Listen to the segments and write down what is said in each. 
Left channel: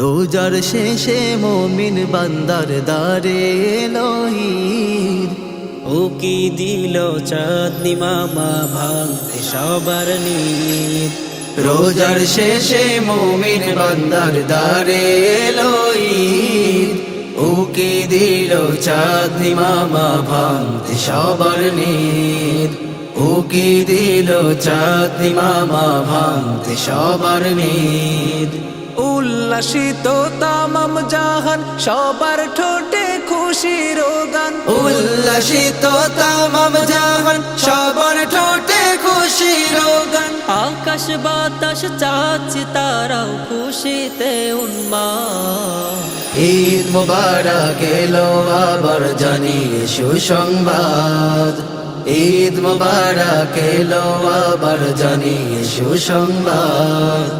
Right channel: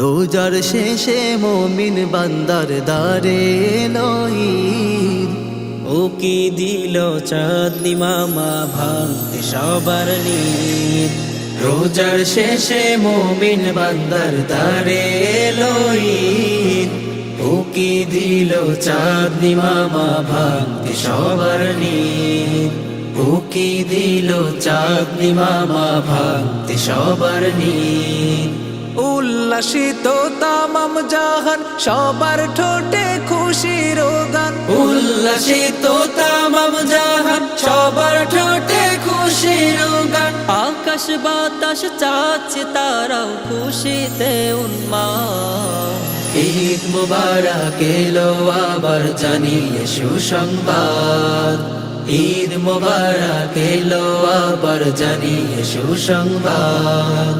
রোজার শেষে মুমিন বান্দার দ্বারে এলো ঈদ। ও কি দিল চাঁদনি মামা ভাঙতে সবার নিদ। রোজার শেষে মুমিন বান্দার দ্বারে এলো ঈদ। ও কি দিল চাঁদনি মামা ভাঙতে সবার নিদ। ও কি দিল চাঁদনি মামা ভাঙতে সবার নিদ। উল্লাসিত তামাম জাহান, সবার ঠোঁটে খুশির গান। উল্লাসিত তামাম জাহান, সবার ঠোঁটে খুশির গান। আকাশ বাতাস চাচ্ছে তারাও খুশিতে উন্মাদ। ঈদ মুবারক এলো আবার জানিয়ে সুসংবাদ। ঈদ মুবারক এলো আবার জানিয়ে সুসংবাদ।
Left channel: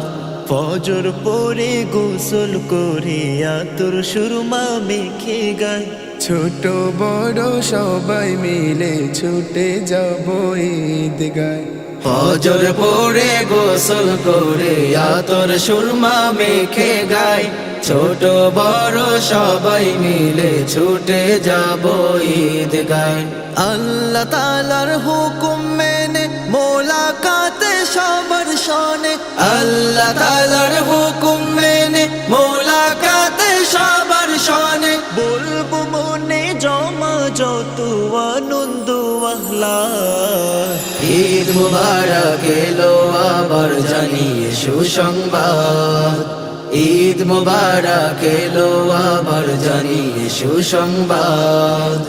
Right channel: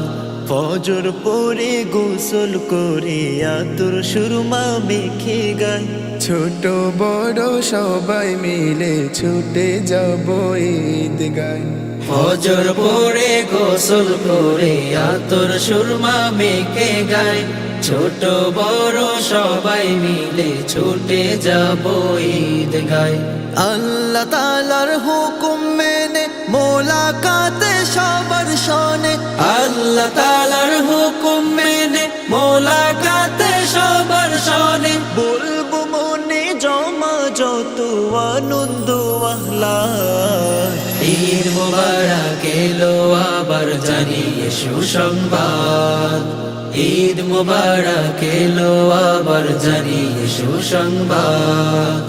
ফজর পরে গোসল করে আতর সুরমা মেখে গায়, ছোট বড় সবাই মিলে ছুটে যাব ঈদ গায়। ফজর পরে গোসল করে আতর সুরমা মেখে গায়, ছোট বড় সবাই মিলে ছুটে যাব ঈদ গায়। আল্লাহ তাআলার হুকুম মেনে মোলাকাতে সবার শোনে। আল্লাহ তাআলার হুকুম মেনে মোলাকাতে সবার শোনে। বলবো মনে জমা যত আনন্দ আহ্লাদ। ঈদ মুবারক এলো আবার জানিয়ে সুসংবাদ। ঈদ মুবারক এলো আবার জানিয়ে সুসংবাদ।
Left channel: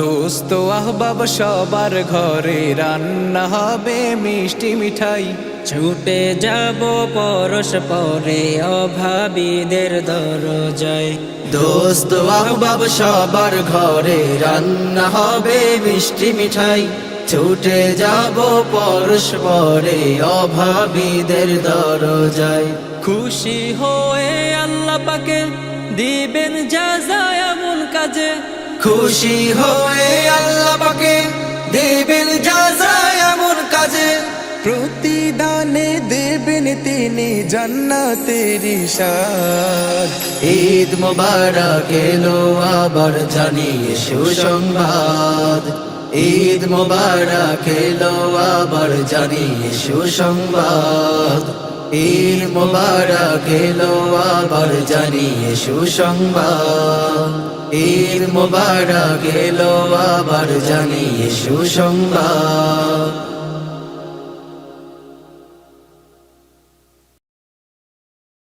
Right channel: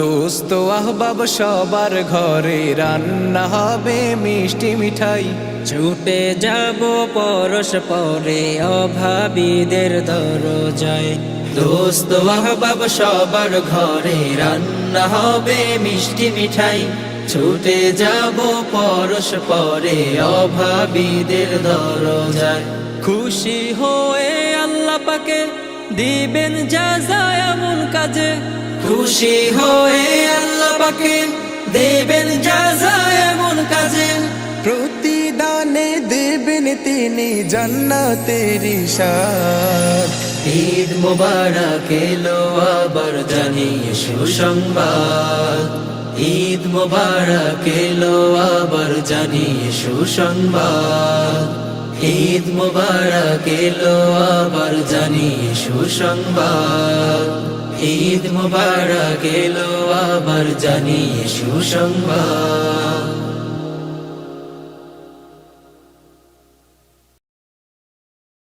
দোস্ত আহবাব সবার ঘরে রান্না হবে মিষ্টি মিঠাই, ছুটে যাব পরশ পরে অভাবীদের দরজায়। দোস্ত আহবাব সবার ঘরে রান্না হবে মিষ্টি মিঠাই, ছুটে যাব পরশ পরে অভাবীদের দরজায়। খুশি হয়ে আল্লাহ পাকে দিবেন যাজা এমন কাজে। খুশি হয়ে আল্লাহ পাকে দেবেন যাজা এমন কাজে। প্রতিদানে দেবেন তিনি জান্নাতের ইশাদ। ঈদ মুবারক এলো আবার জানিয়ে সুসংবাদ। ঈদ মুবারক এলো আবার জানিয়ে সুসংবাদ। ঈদ মুবারক এলো আবার জানিয়ে সুসংবাদ। ঈদ মুবারক এলো আবার জানিয়ে সুসংবাদ।